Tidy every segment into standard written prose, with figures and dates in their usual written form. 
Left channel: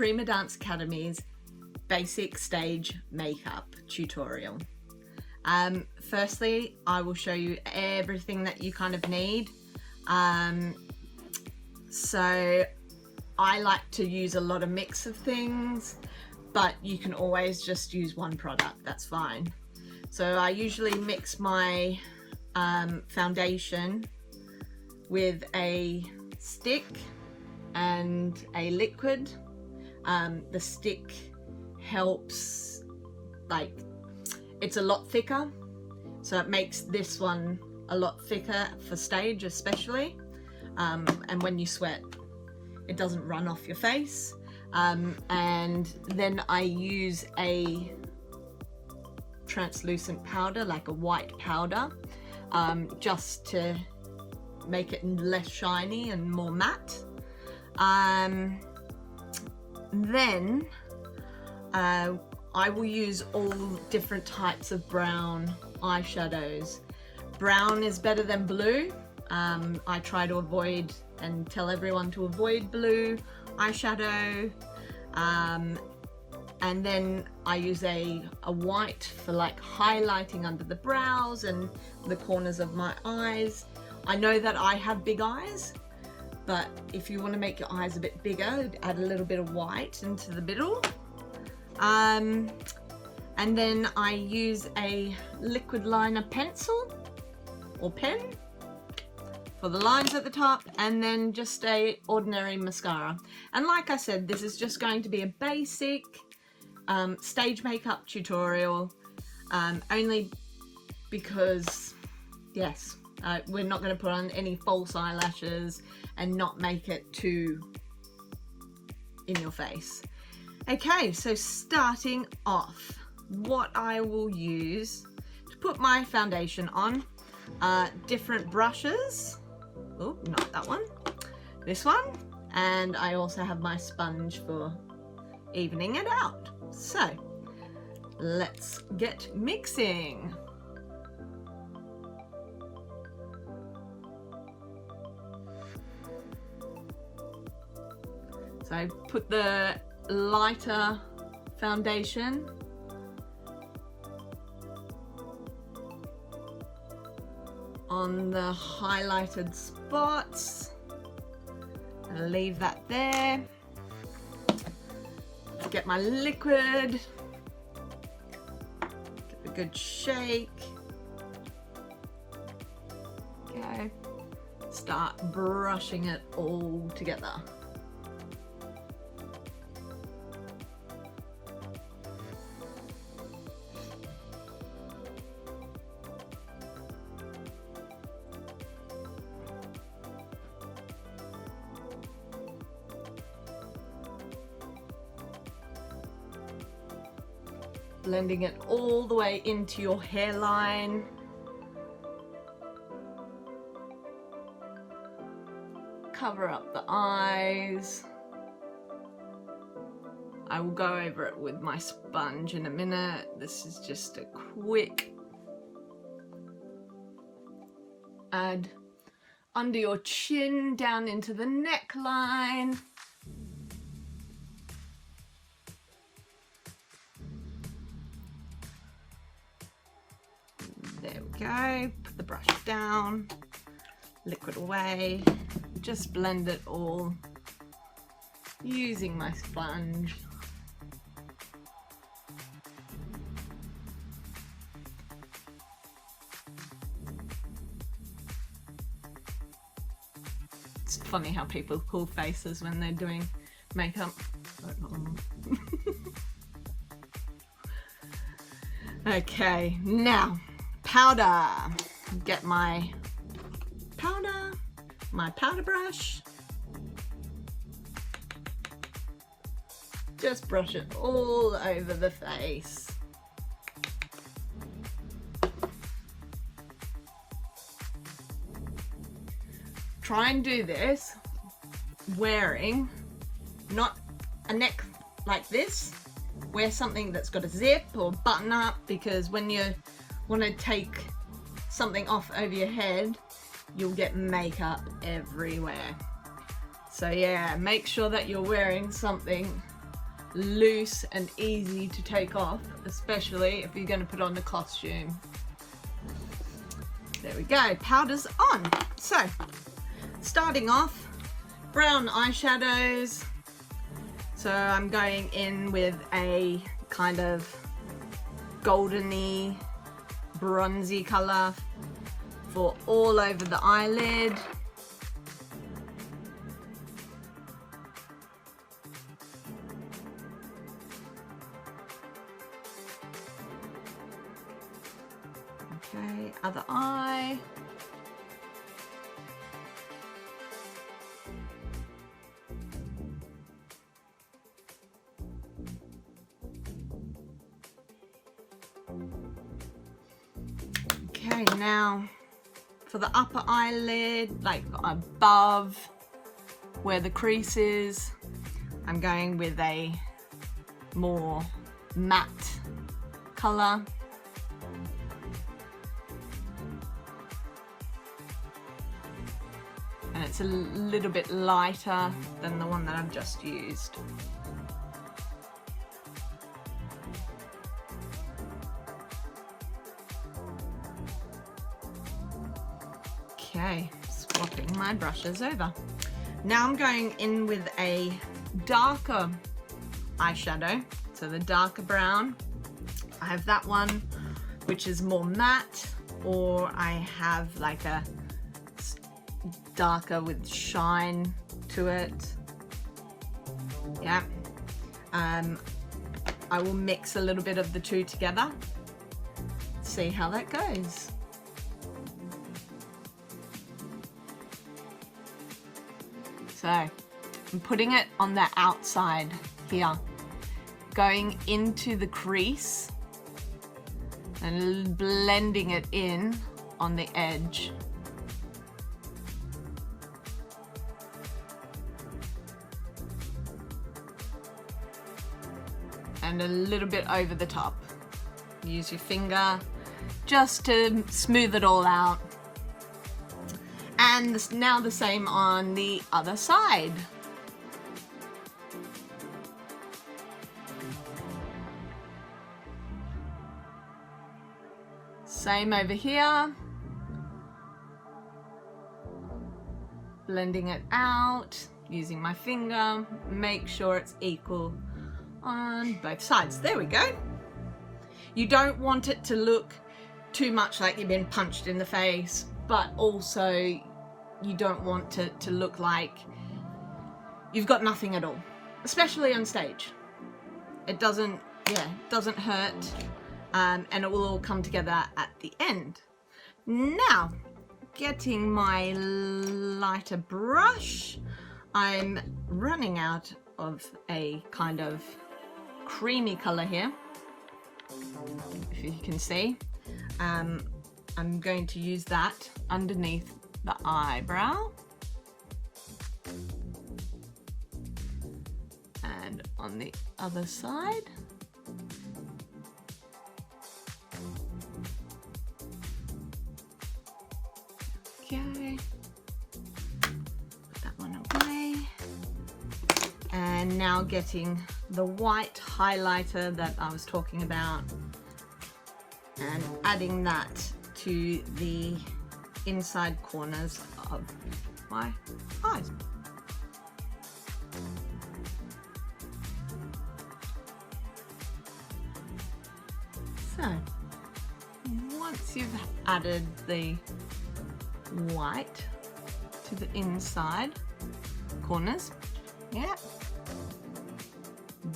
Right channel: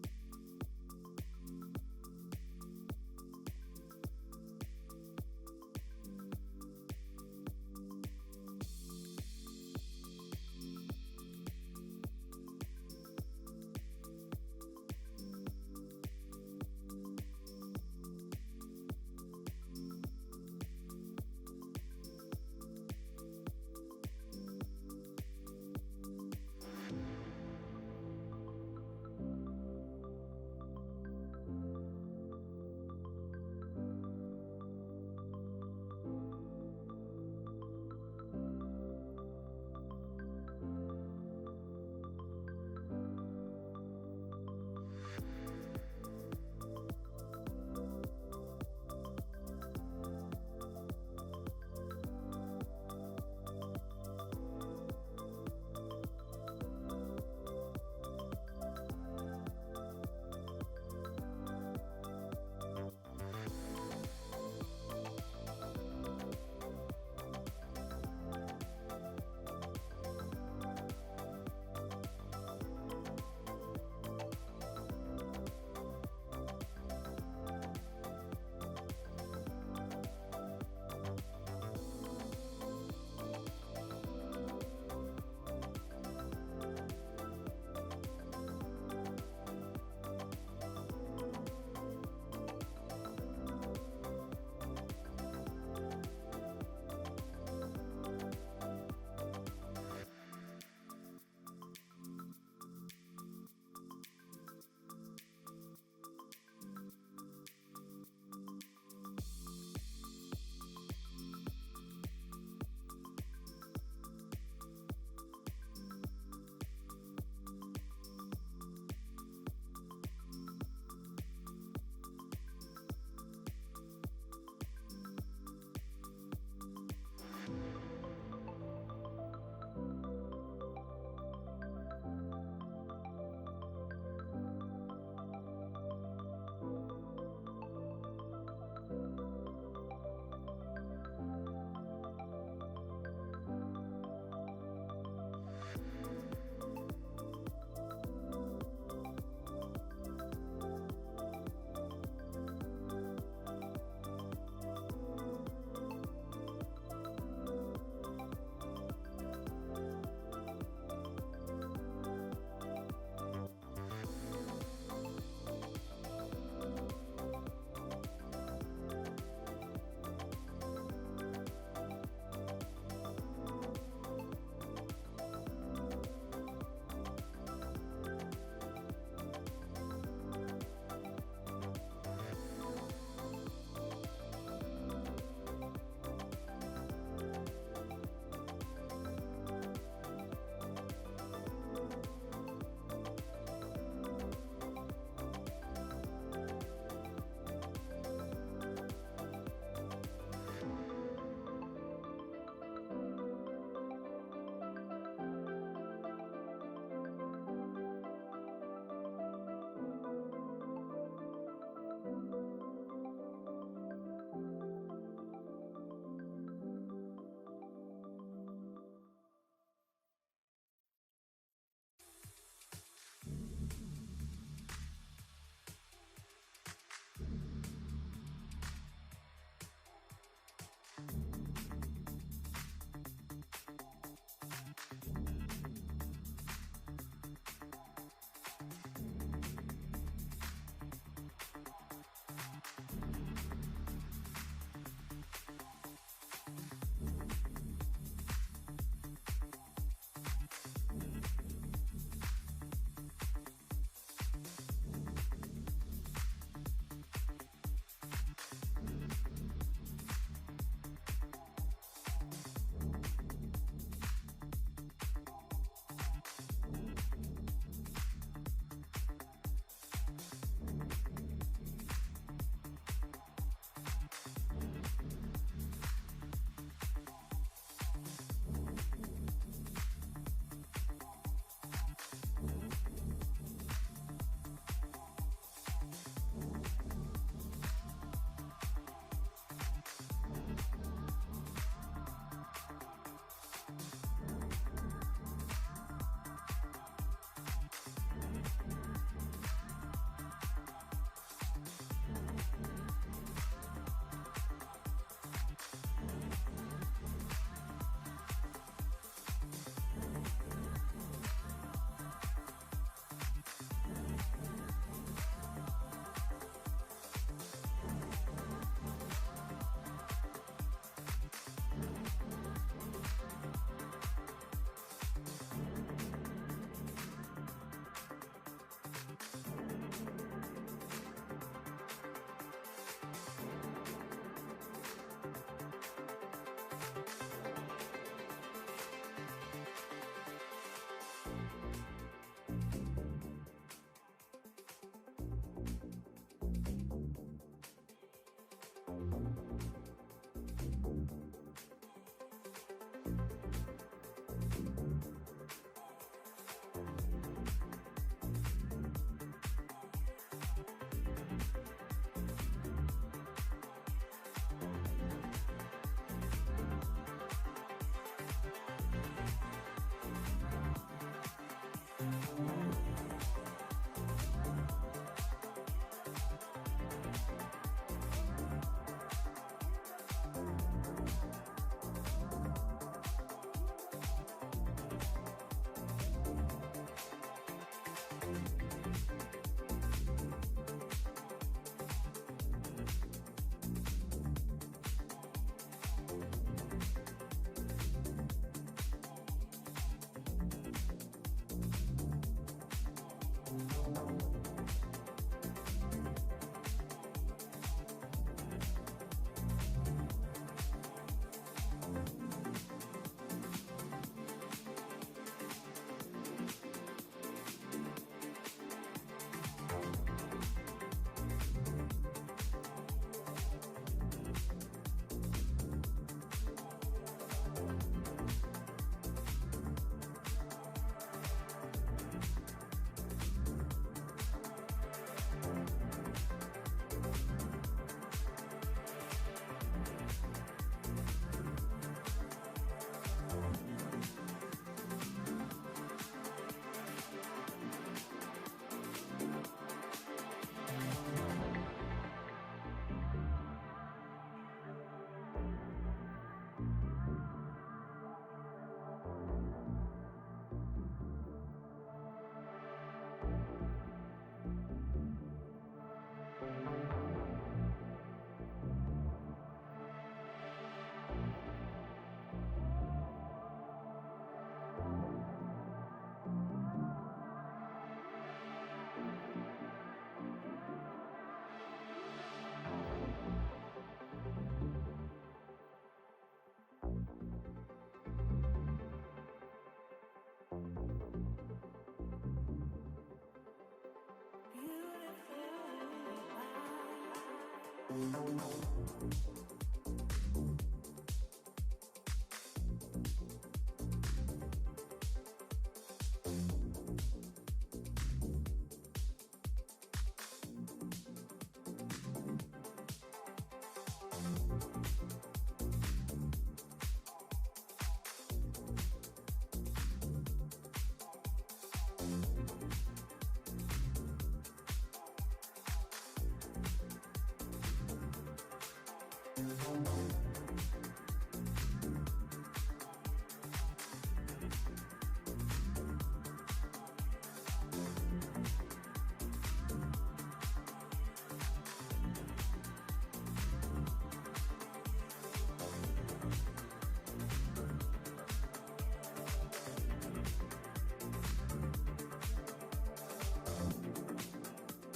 Prima Dance Academy's basic stage makeup tutorial. Firstly, I will show you everything that you kind of need. So I like to use a lot of mix of things, but you can always just use one product, that's fine. So I usually mix my foundation with a stick and a liquid. The stick helps, like, it's a lot thicker, so it makes this one a lot thicker for stage especially, and when you sweat it doesn't run off your face. And then I use a translucent powder, like a white powder, just to make it less shiny and more matte. Then I will use all different types of brown eyeshadows. Brown is better than blue. I try to avoid and tell everyone to avoid blue eyeshadow. And then I use a white for like highlighting under the brows and the corners of my eyes. I know that I have big eyes, but if you want to make your eyes a bit bigger, add a little bit of white into the middle. And then I use a liquid liner pencil or pen for the lines at the top, and then just a ordinary mascara. And like I said, this is just going to be a basic stage makeup tutorial, only because, yes, we're not going to put on any false eyelashes and not make it too in your face. Okay, so starting off, what I will use to put my foundation on, different brushes. Oh, not that one, this one. And I also have my sponge for evening it out. So let's get mixing. So put the lighter foundation on the highlighted spots and leave that there. Get my liquid, give it a good shake. Okay, start brushing it all together. Blending it all the way into your hairline. Cover up the eyes. I will go over it with my sponge in a minute. This is just a quick add under your chin, down into the neckline. Go, put the brush down, liquid away, just blend it all using my sponge. It's funny how people pull faces when they're doing makeup. Okay, now powder. Get my powder brush. Just brush it all over the face. Try and do this wearing not a neck like this. Wear something that's got a zip or button up, because when you want to take something off over your head, you'll get makeup everywhere. So yeah, make sure that you're wearing something loose and easy to take off, especially if you're going to put on the costume. There we go, powder's on. So, starting off, brown eyeshadows. So I'm going in with a kind of goldeny, bronzy color for all over the eyelid. Okay, other eye. Okay, now for the upper eyelid, like above where the crease is, I'm going with a more matte color. And it's a little bit lighter than the one that I've just used. Okay, swapping my brushes over. Now I'm going in with a darker eyeshadow, so the darker brown. I have that one, which is more matte, or I have like a darker with shine to it. Yeah. I will mix a little bit of the two together. See how that goes. So I'm putting it on the outside here, going into the crease and blending it in on the edge. And a little bit over the top. Use your finger just to smooth it all out. And now the same on the other side. Same over here. Blending it out, using my finger, make sure it's equal on both sides. There we go. You don't want it to look too much like you've been punched in the face, but also you don't want it to look like you've got nothing at all, especially on stage. It doesn't hurt, and it will all come together at the end. Now, getting my lighter brush, I'm running out of a kind of creamy color here, if you can see. I'm going to use that underneath the eyebrow and on the other side. Okay, put that one away. And now getting the white highlighter that I was talking about and adding that to the inside corners of my eyes. So, once you've added the white to the inside corners, yeah,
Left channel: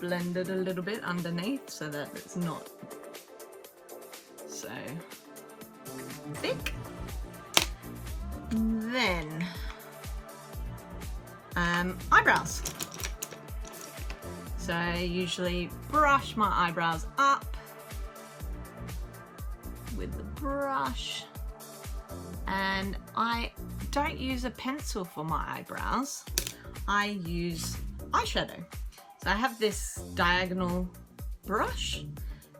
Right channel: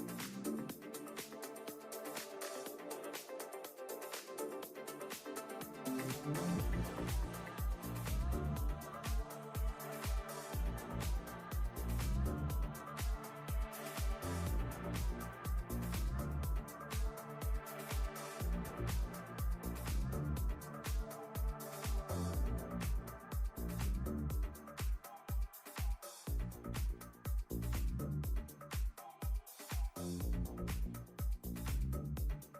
blend it a little bit underneath so that it's not so thick. Then eyebrows. So I usually brush my eyebrows up with the brush, and I don't use a pencil for my eyebrows. I use eyeshadow. So I have this diagonal brush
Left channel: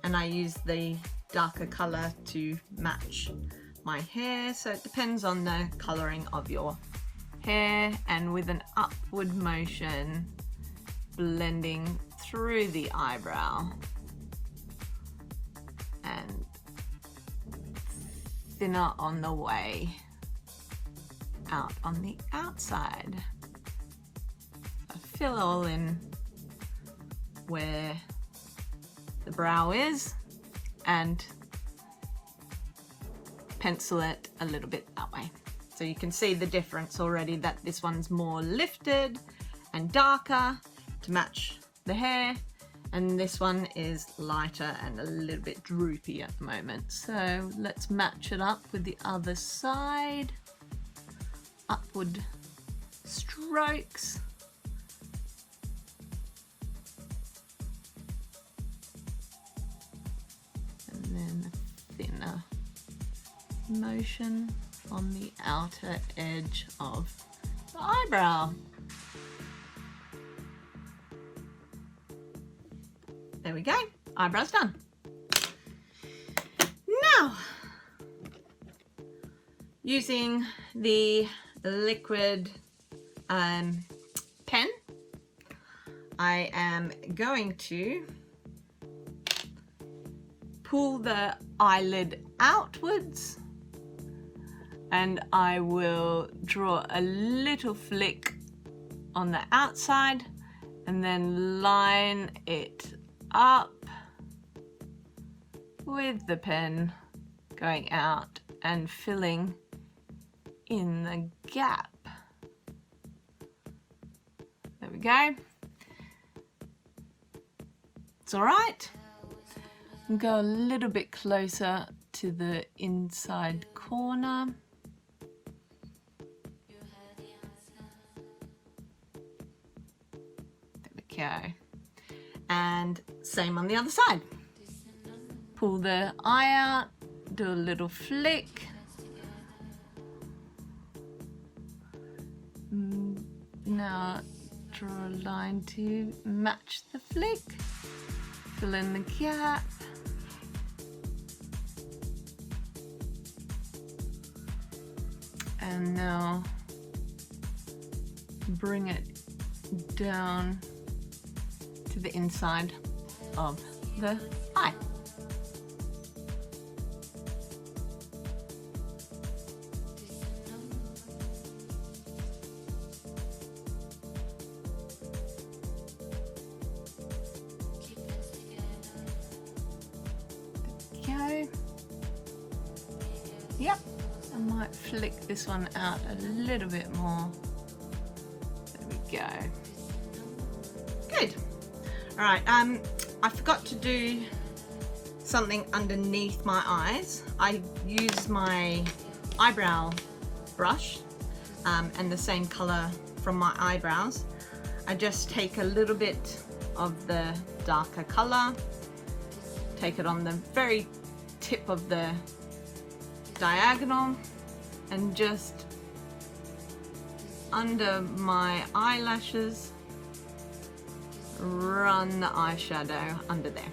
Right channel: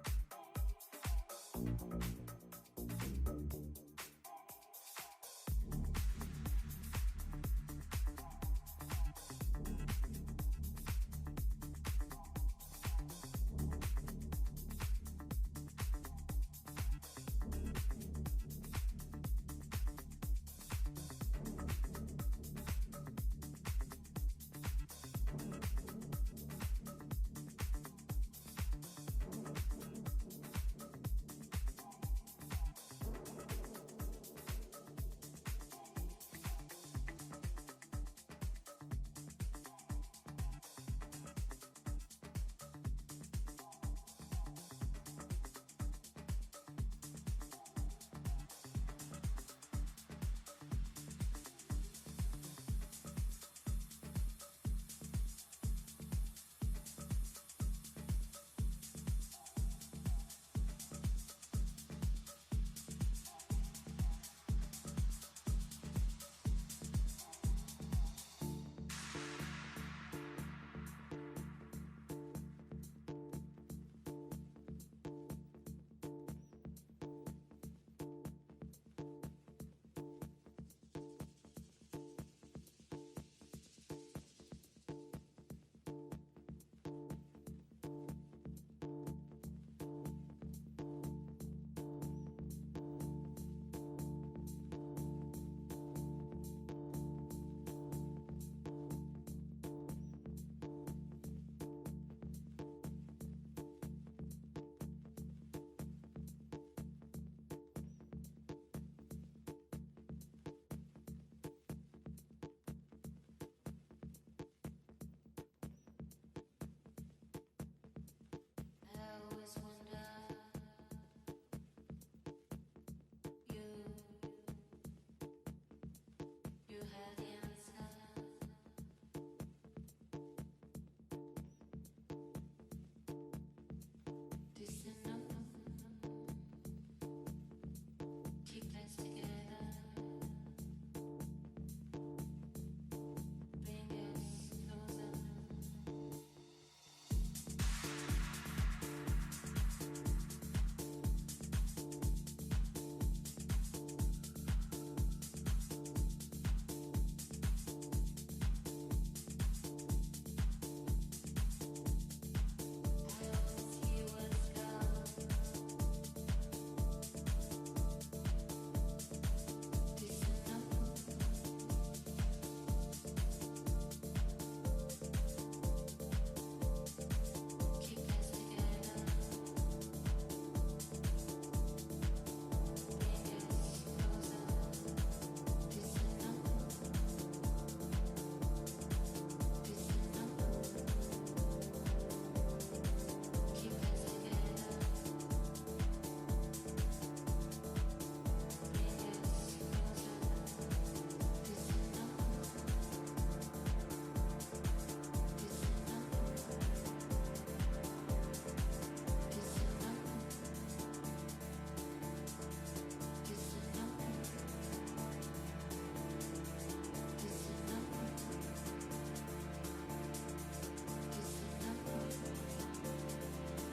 and I use the darker color to match my hair, so it depends on the coloring of your hair, and with an upward motion blending through the eyebrow and thinner on the way out on the outside. Fill all in where the brow is and pencil it a little bit that way. So you can see the difference already, that this one's more lifted and darker to match the hair, and this one is lighter and a little bit droopy at the moment. So let's match it up with the other side. Upward strokes. And then a thinner motion on the outer edge of the eyebrow. There we go, eyebrow's done. Now, using the liquid pen, I am going to pull the eyelid outwards, and I will draw a little flick on the outside and then line it up with the pen going out and filling in the gap. There we go. It's all right. And go a little bit closer to the inside corner. There we go. And same on the other side. Pull the eye out, do a little flick. Now draw a line to match the flick. Fill in the gap. And now bring it down to the inside of the eye. Yep, I might flick this one out a little bit more. There we go. Good. All right, I forgot to do something underneath my eyes. I use my eyebrow brush and the same color from my eyebrows. I just take a little bit of the darker color, take it on the very tip of the diagonal, and just under my eyelashes run the eyeshadow under there.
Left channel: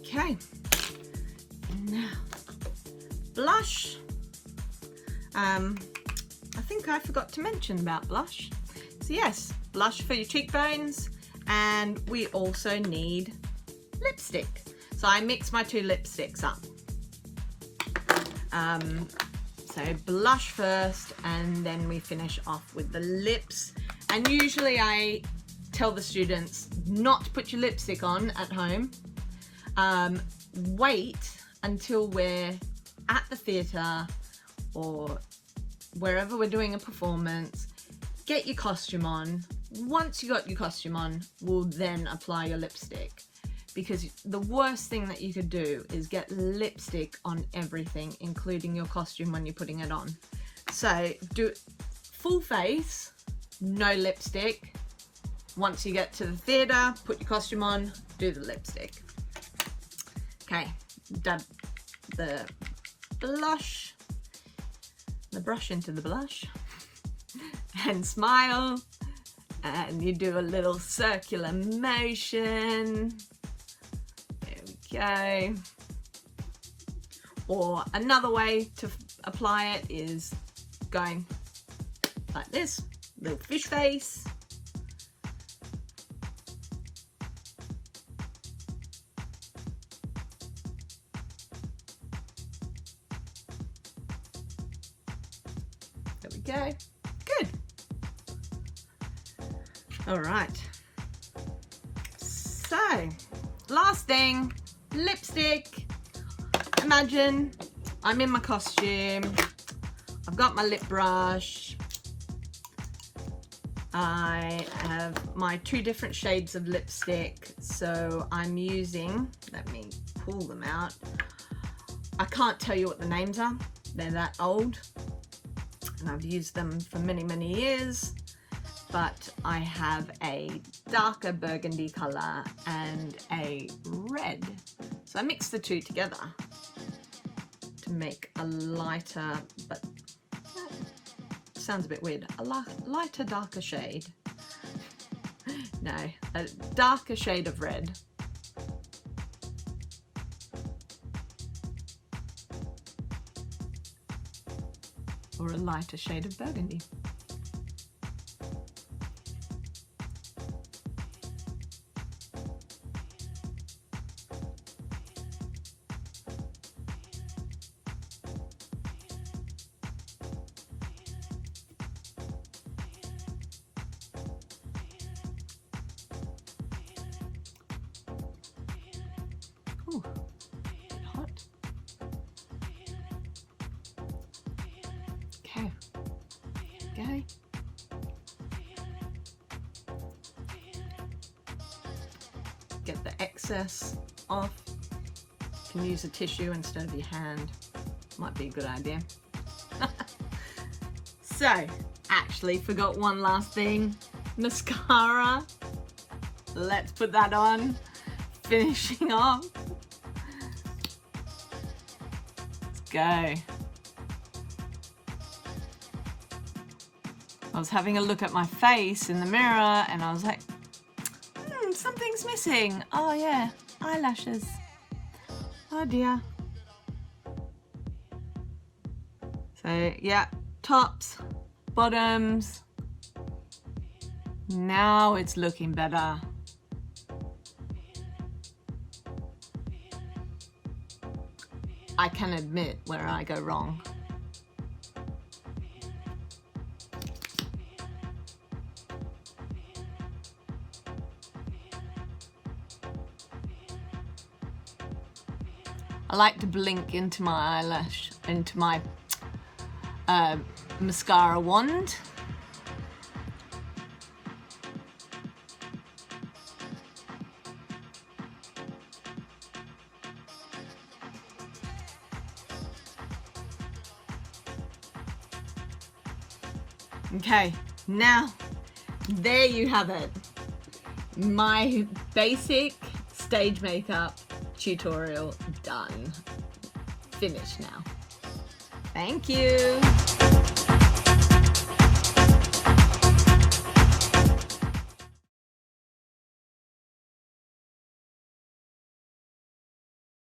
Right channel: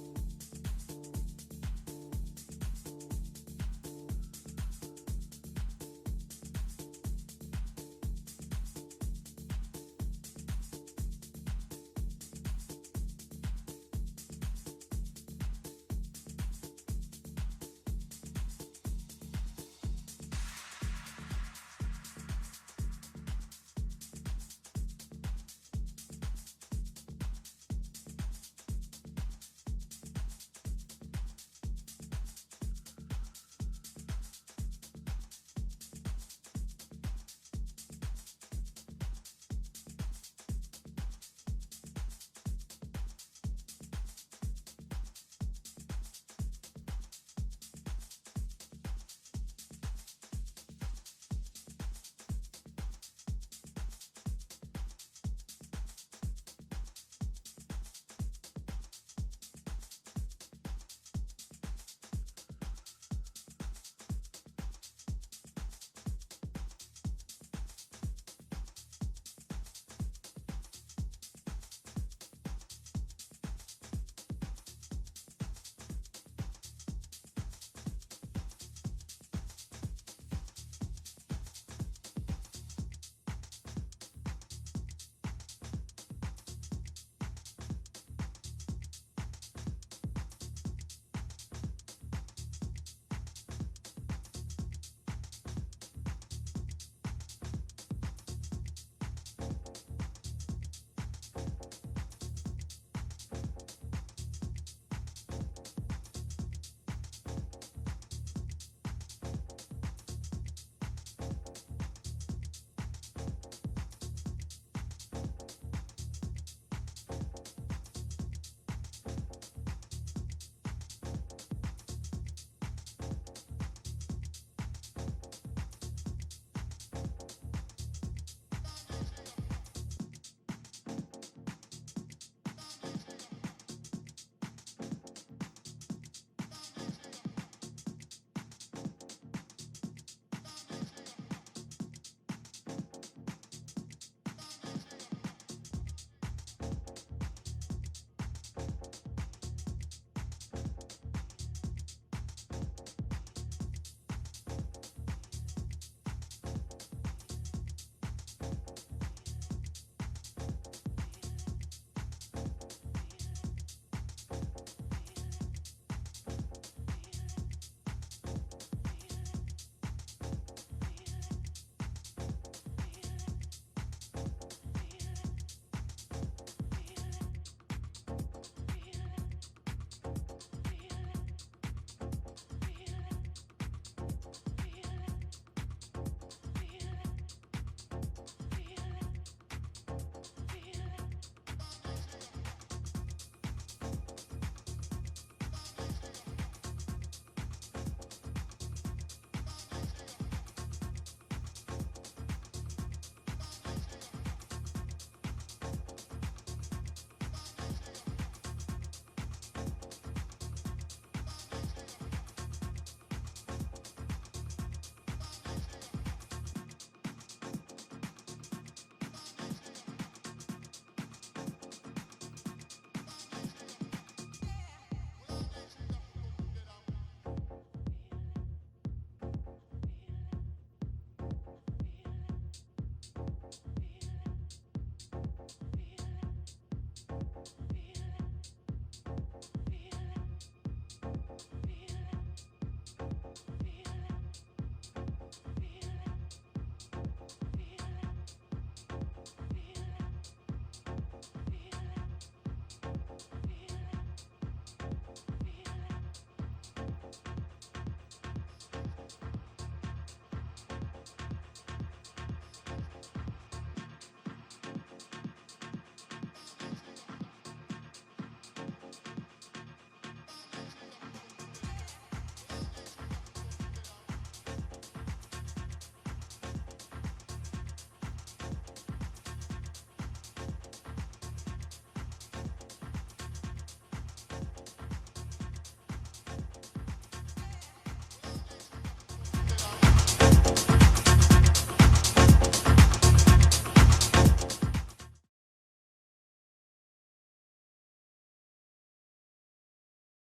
Okay, now blush. I think I forgot to mention about blush. So yes, blush for your cheekbones, and we also need lipstick. So I mix my two lipsticks up. So blush first, and then we finish off with the lips. And usually I tell the students not to put your lipstick on at home. Wait until we're at the theatre or wherever we're doing a performance. Get your costume on. Once you got your costume on, we'll then apply your lipstick. Because the worst thing that you could do is get lipstick on everything, including your costume when you're putting it on. So do full face, no lipstick. Once you get to the theatre, put your costume on, do the lipstick. Okay, dab the blush, the brush into the blush, and smile, and you do a little circular motion. There we Okay. Or another way to apply it is going like this, little fish face. There we go. Good. All right. So, last thing, lipstick. Imagine I'm in my costume. I've got my lip brush. I have my 2 different shades of lipstick. So I'm using, let me pull them out. I can't tell you what the names are. They're that old. And I've used them for many, many years. But I have a darker burgundy color and a red. So I mix the 2 together to make a lighter, but sounds a bit weird, a lighter, darker shade. No, a darker shade of red. Or a lighter shade of burgundy. Ooh, hot. Okay. Okay. Get the excess off. You can use a tissue instead of your hand. Might be a good idea. So, actually forgot one last thing. Mascara. Let's put that on. Finishing off. Let's go. I was having a look at my face in the mirror and I was like, something's missing. Oh yeah, eyelashes. Oh dear. So yeah, tops, bottoms. Now it's looking better. I can admit where I go wrong. I like to blink into my eyelash, into my mascara wand. Okay, now there you have it. My basic stage makeup tutorial done. Finished now. Thank you.